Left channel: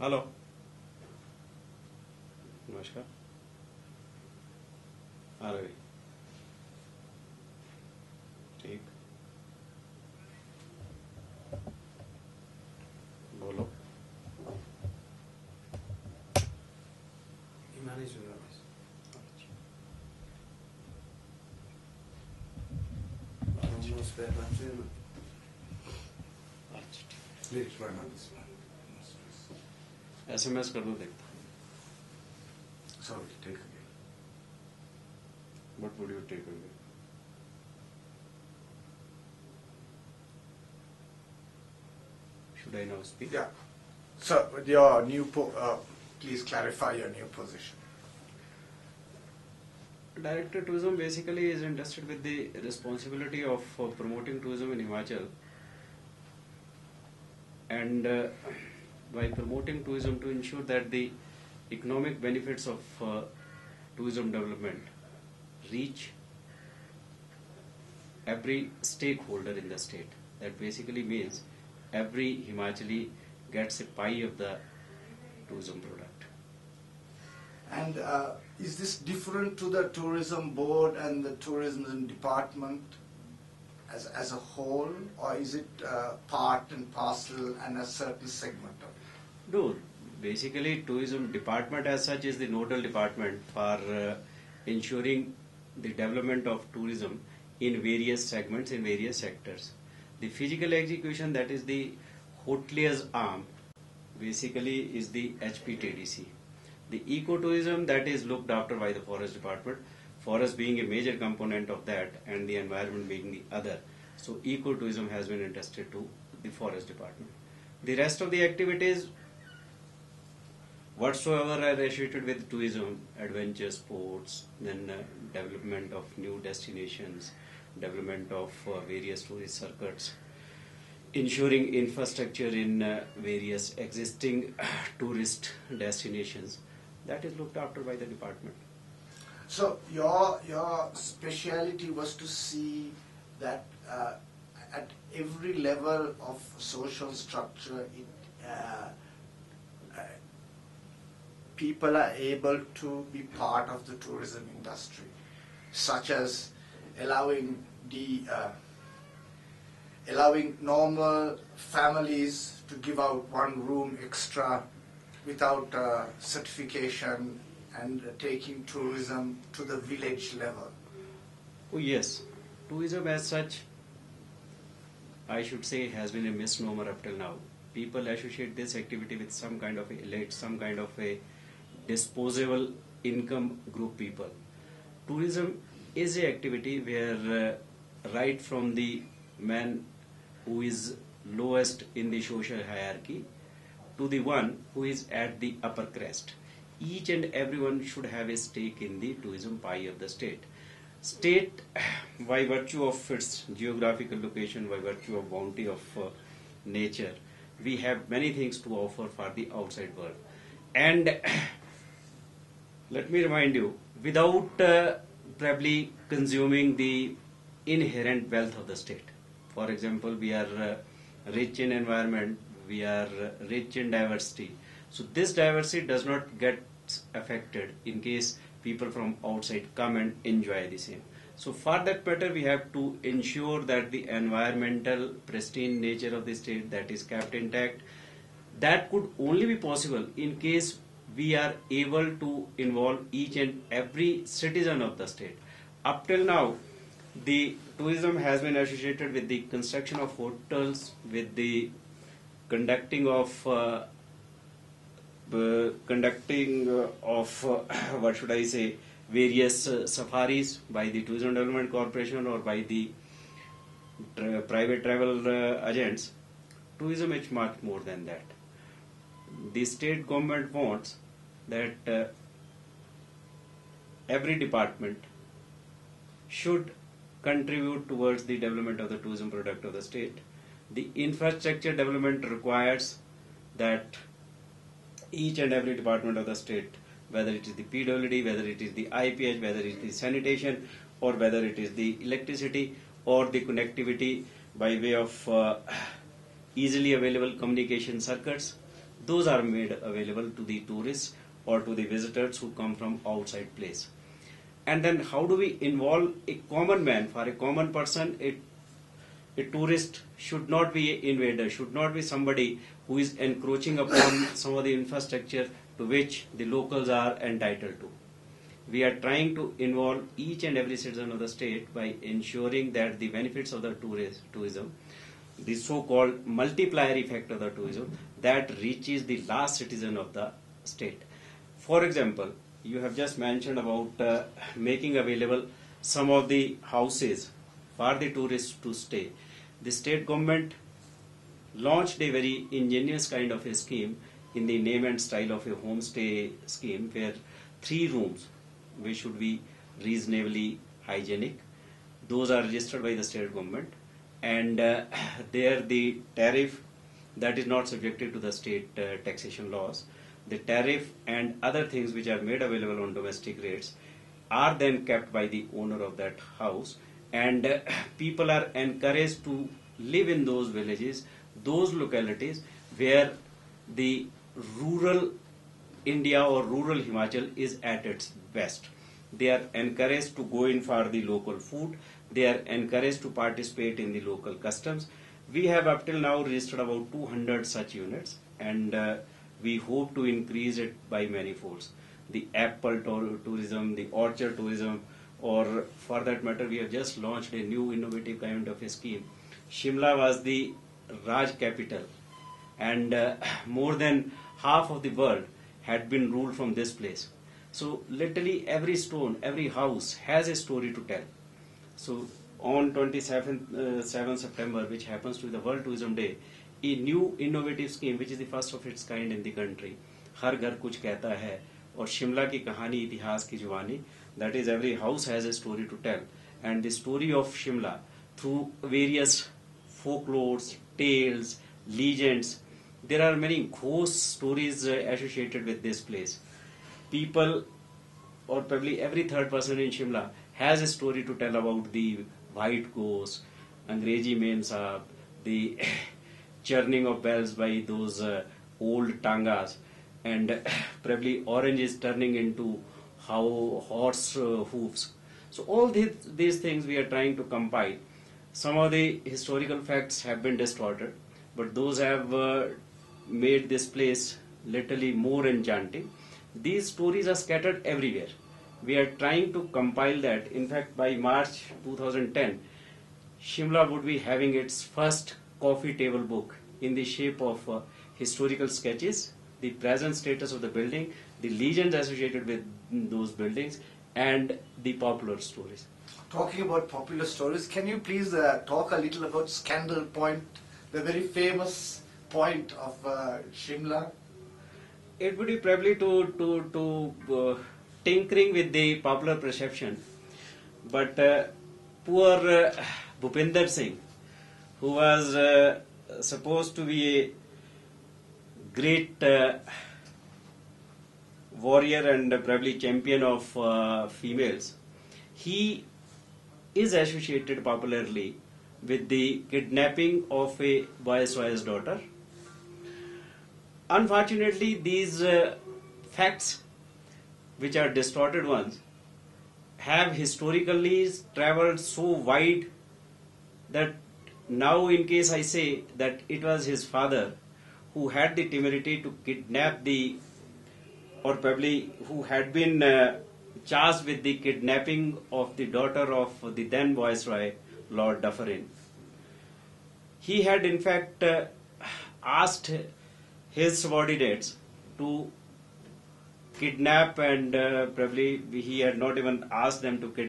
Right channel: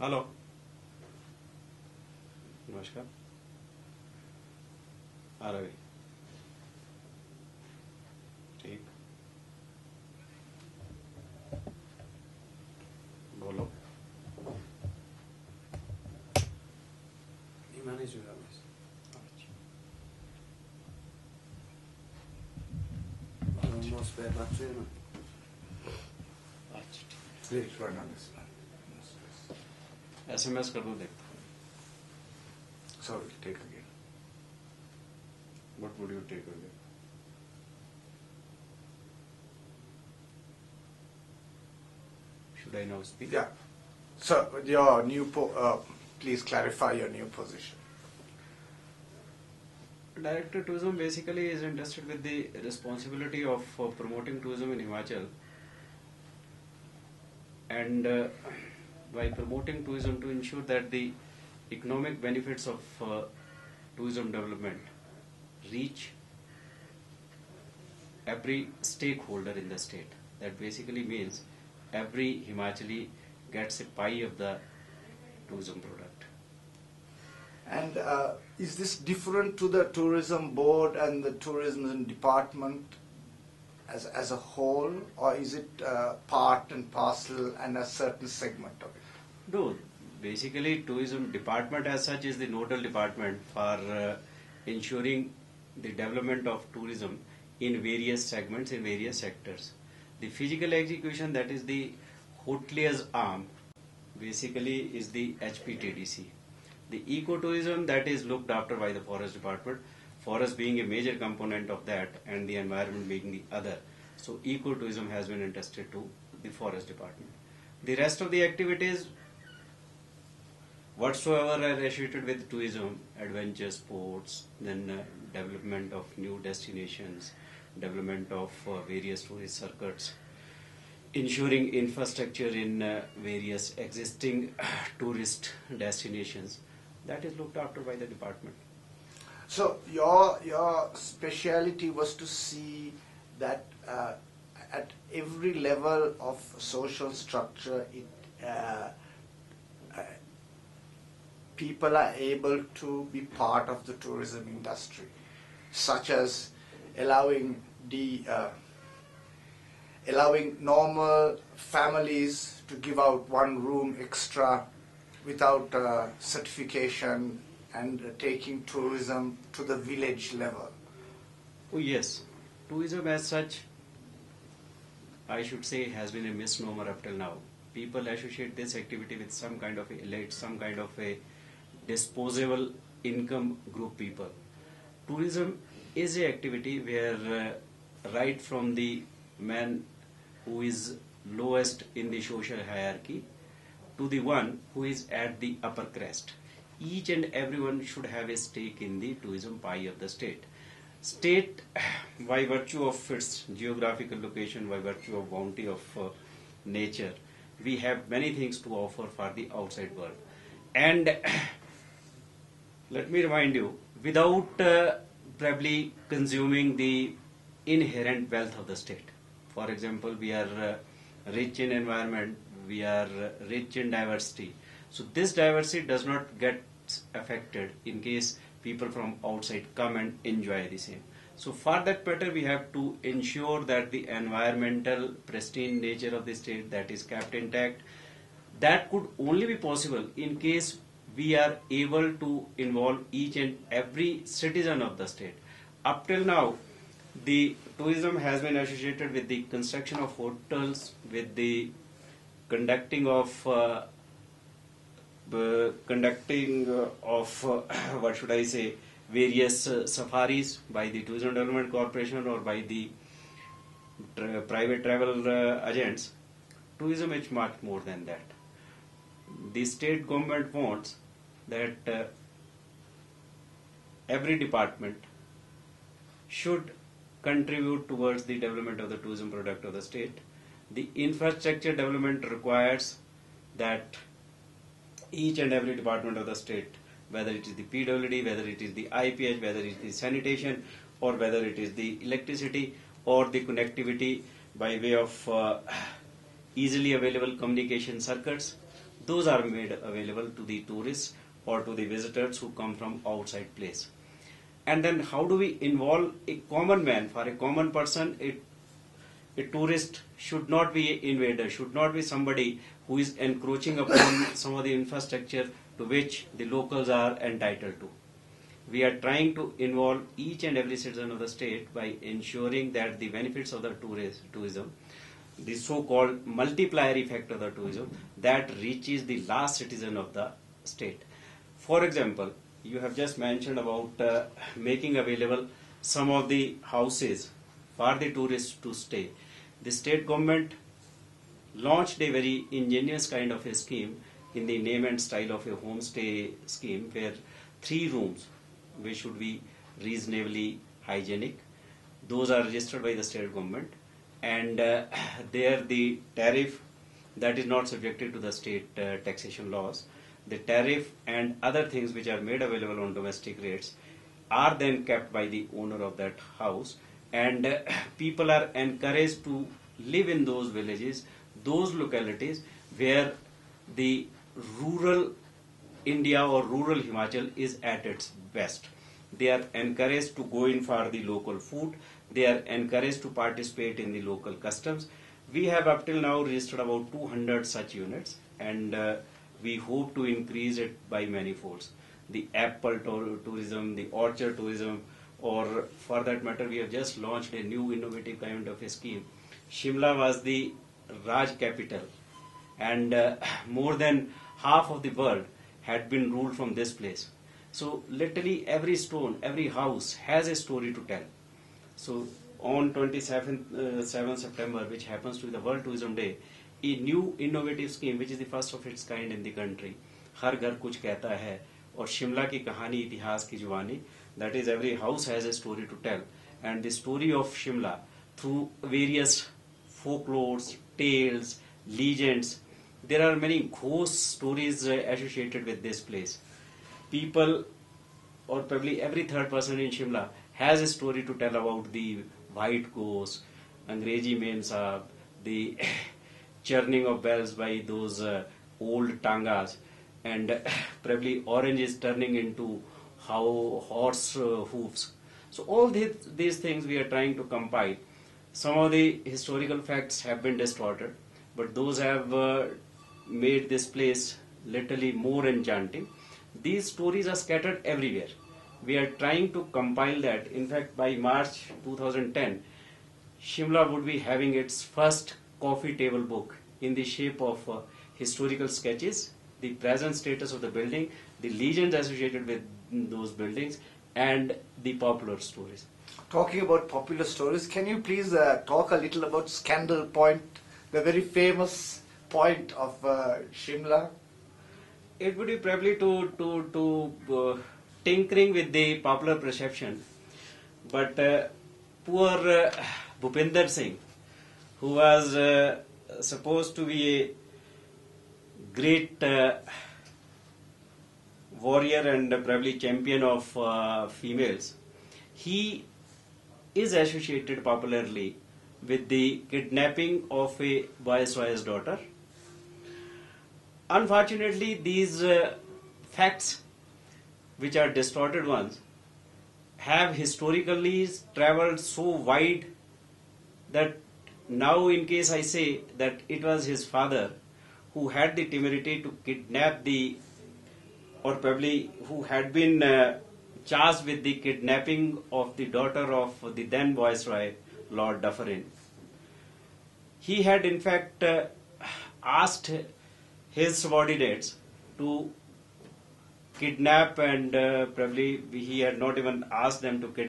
Hello, नमस्कार। रवि, ठीक, बोलो। SMS कर दो, देखता हूँ। What would you take away? Should I now speak? Yeah. So your new, please clarify your new position. Director Tourism basically is entrusted with the responsibility of promoting tourism in Himachal, and by promoting tourism to ensure that the economic benefits of tourism development reach every stakeholder in the state. That basically means every Himachali gets a pie of the tourism product. And is this different to the tourism board and the tourism department as a whole, or is it part and parcel and a certain segment of it? No, basically tourism department as such is the nodal department for ensuring the development of tourism in various segments, in various sectors. The physical execution, that is the hotelier's arm, basically is the HPTDC. The ecotourism, that is looked after by the forest department, forest being a major component of that and the environment being the other. So ecotourism has been entrusted to the forest department. The rest of the activities whatsoever are associated with tourism, adventure sports, then development of new destinations, development of various tourist circuits, ensuring infrastructure in various existing tourist destinations, that is looked after by the department. So your speciality was to see that at every level of social structure, people are able to be part of the tourism industry, such as allowing normal families to give out one room extra without certification, and taking tourism to the village level. Oh yes, tourism as such, I should say, has been a misnomer up till now. People associate this activity with some kind of elite, some kind of a disposable income group people. Tourism is a activity where right from the man who is lowest in the social hierarchy to the one who is at the upper crest, each and everyone should have a stake in the tourism pie of the state. State, by virtue of its geographical location, by virtue of bounty of nature, we have many things to offer for the outside world. And let me remind you, without probably consuming the inherent wealth of the state. For example, we are rich in environment, we are rich in diversity. So this diversity does not get affected in case people from outside come and enjoy the same. So for that matter, we have to ensure that the environmental pristine nature of the state, that is kept intact. That could only be possible in case we are able to involve each and every citizen of the state. Up till now, the tourism has been associated with the construction of hotels, with the conducting of what should I say, various safaris by the Tourism Development Corporation or by the private travel agents. Tourism is much more than that. The state government wants that every department should contribute towards the development of the tourism product of the state. The infrastructure development requires that each and every department of the state, whether it is the PWD, whether it is the IPH, whether it is the sanitation, or whether it is the electricity or the connectivity by way of easily available communication circuits, those are made available to the tourists or to the visitors who come from outside place. And then how do we involve a common man? For a common person, a tourist should not be an invader, should not be somebody who is encroaching upon some of the infrastructure to which the locals are entitled to. We are trying to involve each and every citizen of the state by ensuring that the benefits of the tourism, the so-called multiplier effect of the tourism, that reaches the last citizen of the state. For example, you have just mentioned about making available some of the houses for the tourists to stay. The state government launched a very ingenious kind of a scheme in the name and style of a homestay scheme, where 3 rooms, which should be reasonably hygienic, those are registered by the state government, and there the tariff that is not subjected to the state taxation laws, the tariff and other things which are made available on domestic rates are then kept by the owner of that house, and people are encouraged to live in those villages, those localities where the rural India or rural Himachal is at its best. They are encouraged to go in for the local food. They are encouraged to participate in the local customs. We have up till now registered about 200 such units, and we hope to increase it by many folds. The apple tourism, the orchard tourism, or for that matter, we have just launched a new innovative kind of a scheme. Shimla was the Raj capital, and more than half of the world had been ruled from this place. So literally every stone, every house has a story to tell. So on 27th 7th September, which happens to be the World Tourism Day, a new innovative scheme, which is the first of its kind in the country, हर घर कुछ कहता है, और शिमला की कहानी इतिहास की जुबानी, that is every house has a story to tell, and the story of Shimla through various folklores, tales, legends. There are many ghost stories associated with this place. People, or probably every third person in Shimla, has a story to tell about the white ghost, Angrezi Mem Sahab, the churning of bells by those old tangas, and probably oranges turning into how horse hoofs. So all these things we are trying to compile. Some of the historical facts have been distorted, but those have made this place literally more enchanting. These stories are scattered everywhere. We are trying to compile that. In fact, by March 2010, Shimla would be having its first coffee table book in the shape of historical sketches, the present status of the building, the legends associated with those buildings, and the popular stories. Talking about popular stories, can you please talk a little about Scandal Point, the very famous point of Shimla? It would be probably to tinkering with the popular perception, but poor Bhupinder Singh, who was supposed to be a great warrior and probably champion of females, he is associated popularly with the kidnapping of a viceroy's daughter. Unfortunately, these facts, which are distorted ones, have historically traveled so wide that now, in case I say that it was his father who had the temerity to kidnap or probably who had been charged with the kidnapping of the daughter of the then Viceroy, Lord Dufferin. He had in fact asked his subordinates to kidnap, and probably he had not even asked them to kidnap